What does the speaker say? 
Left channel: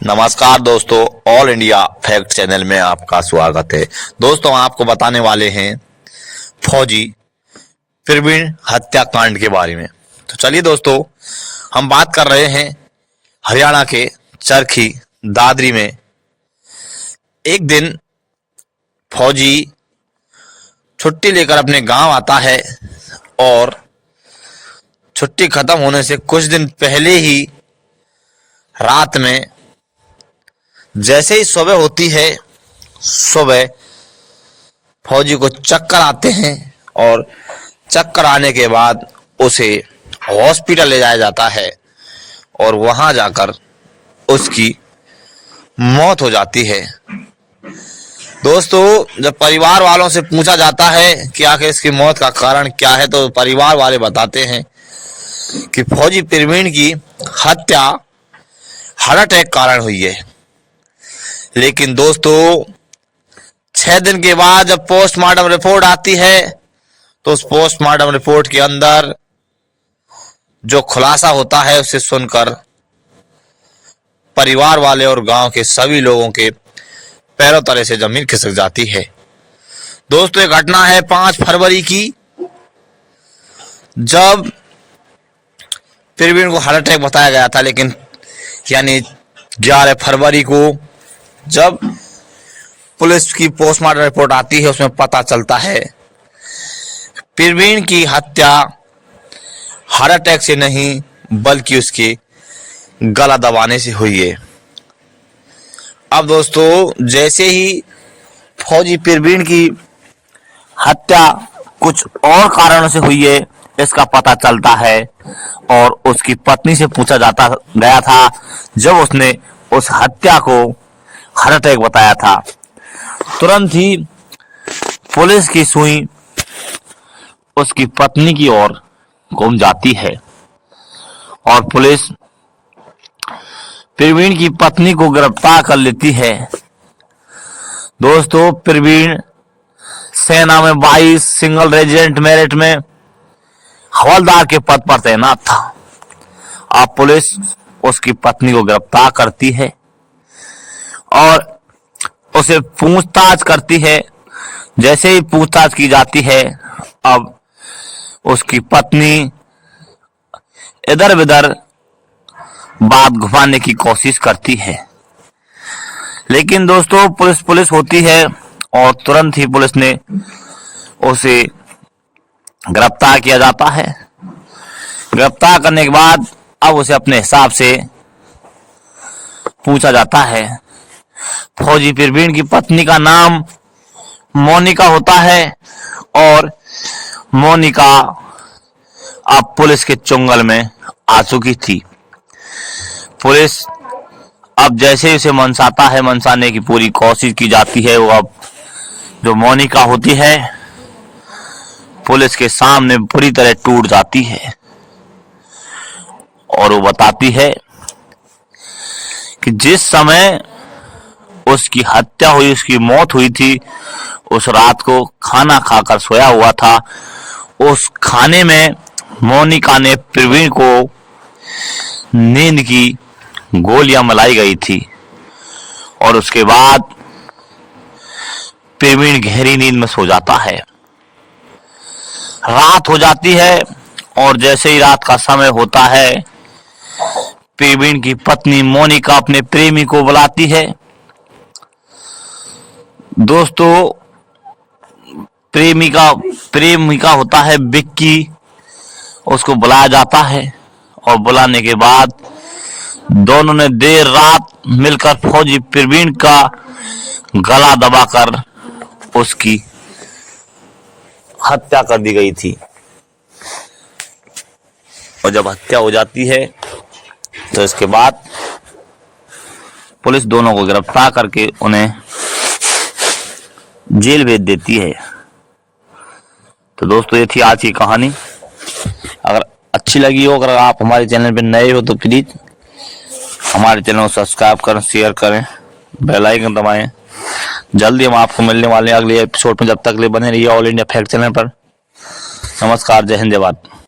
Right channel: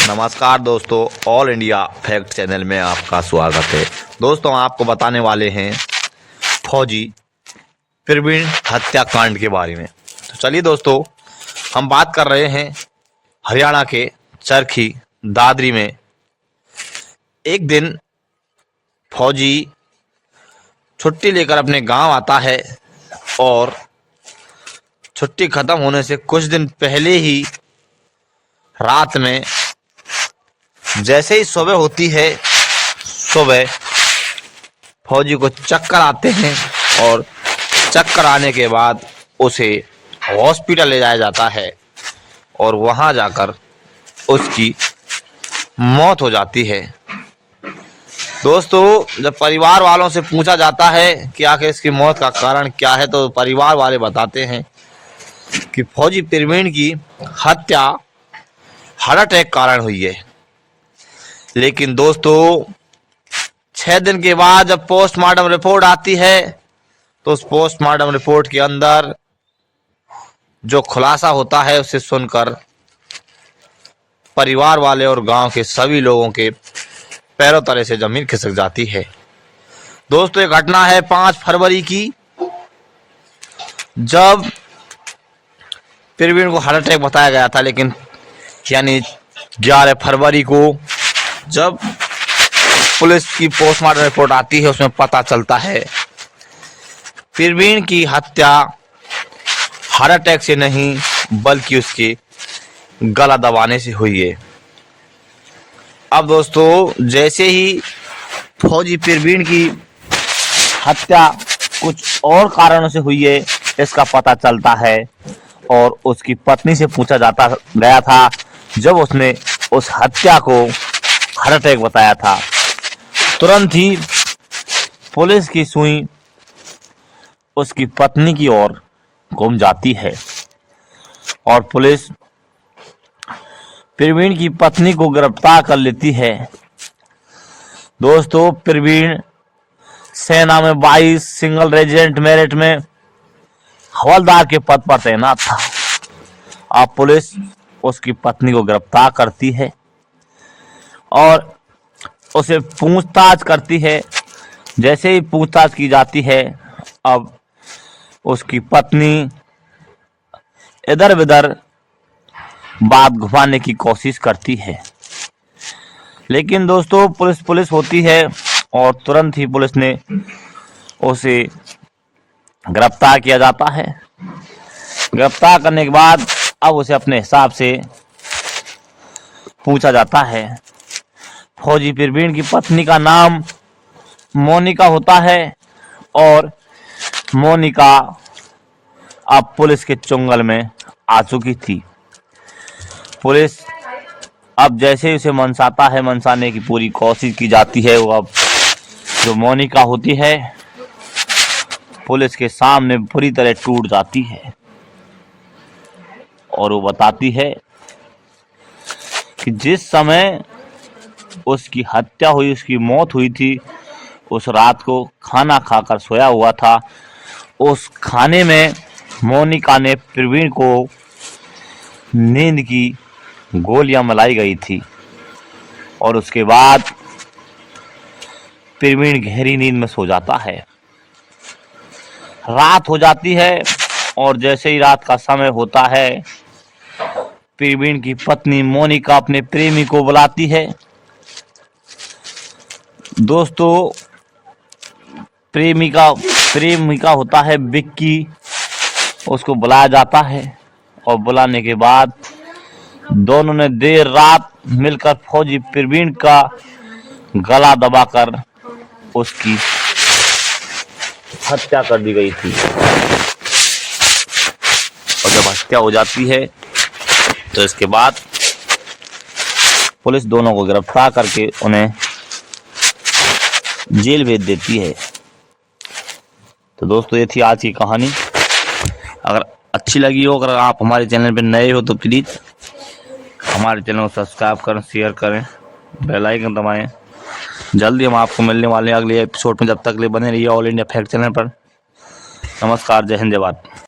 नमस्कार दोस्तों, all India fact channel में आपका स्वागत है। दोस्तों, आपको बताने वाले हैं फौजी प्रवीण हत्याकांड के बारे में। तो चलिए दोस्तों, हम बात कर रहे हैं हरियाणा के चरखी दादरी में। एक दिन फौजी छुट्टी लेकर अपने गांव आता है और छुट्टी खत्म होने से कुछ दिन पहले ही रात में जैसे ही सुबह होती है, सुबह फौजी को चक्कर आते हैं और चक्कर आने के बाद उसे हॉस्पिटल ले जाया जाता है और वहां जाकर उसकी मौत हो जाती है। दोस्तों, जब परिवार वालों से पूछा जाता है कि आखिर इसकी मौत का कारण क्या है, तो परिवार वाले बताते हैं कि फौजी प्रवीण की हत्या हार्ट अटैक कारण हुई है। लेकिन दोस्तों, 6 दिन के बाद जब पोस्टमार्टम रिपोर्ट आती है तो उस पोस्टमार्टम रिपोर्ट के अंदर जो खुलासा होता है उसे सुनकर परिवार वाले और गांव के सभी लोगों के पैरों तले से जमीन खिसक जाती है। दोस्तों, ये घटना है 5 फरवरी की, जब प्रवीण को हार्ट अटैक बताया गया था। लेकिन यानी 11 फरवरी को जब पुलिस की पोस्टमार्टम रिपोर्ट आती है, उसमें पता चलता है प्रवीण की हत्या हार्ट अटैक से नहीं बल्कि उसके गला दबाने से हुई है। अब दोस्तों, जैसे ही फौजी प्रवीण की हत्या कुछ और कारणों से हुई है इसका पता चलता है और उसकी पत्नी से पूछा जाता गया था, जब उसने उस हत्या को हार्ट अटैक बताया था। तुरंत ही पुलिस की सुई उसकी पत्नी की ओर घूम जाती है और पुलिस प्रवीण की पत्नी को गिरफ्तार कर लेती है। दोस्तों, प्रवीण सेना में 22 सिंगल रेजिमेंट मेरिट में हवलदार के पद पर तैनात था। अब पुलिस उसकी पत्नी को गिरफ्तार करती है और उसे पूछताछ करती है। जैसे ही पूछताछ की जाती है, अब उसकी पत्नी इधर उधर बात घुमाने की कोशिश करती है। लेकिन दोस्तों, पुलिस होती है और तुरंत ही पुलिस ने उसे गिरफ्तार किया जाता है। गिरफ्तार करने के बाद अब उसे अपने हिसाब से पूछा जाता है। फौजी प्रवीण की पत्नी का नाम मोनिका होता है और मोनिका अब पुलिस के चुंगल में आ चुकी थी। पुलिस अब जैसे ही उसे मनसाने की पूरी कोशिश की जाती है, वो अब जो मोनिका होती है पुलिस के सामने पूरी तरह टूट जाती है और वो बताती है कि जिस समय उसकी हत्या हुई, उसकी मौत हुई थी, उस रात को खाना खाकर सोया हुआ था। उस खाने में मोनिका ने प्रवीण को नींद की गोलियां मिलाई गई थी और उसके बाद प्रवीण गहरी नींद में सो जाता है। रात हो जाती है और जैसे ही रात का समय होता है, प्रवीण की पत्नी मोनिका अपने प्रेमी को बुलाती है। दोस्तों, प्रेमिका होता है विक्की, उसको बुलाया जाता है और बुलाने के बाद दोनों ने देर रात मिलकर फौजी प्रवीण का गला दबाकर उसकी हत्या कर दी गई थी। और जब हत्या हो जाती है तो इसके बाद पुलिस दोनों को गिरफ्तार करके उन्हें जेल भेज देती है। तो दोस्तों, ये थी आज की कहानी। अगर अच्छी लगी हो, अगर आप हमारे चैनल पर नए हो तो प्लीज हमारे चैनल को सब्सक्राइब करें, शेयर करें, बेल आइकन दबाएं। जल्दी हम आपको मिलने वाले हैं अगले एपिसोड में। जब तक ले बने रहिए ऑल इंडिया फैक्ट चैनल पर। नमस्कार, जय हिंद, जय भारत।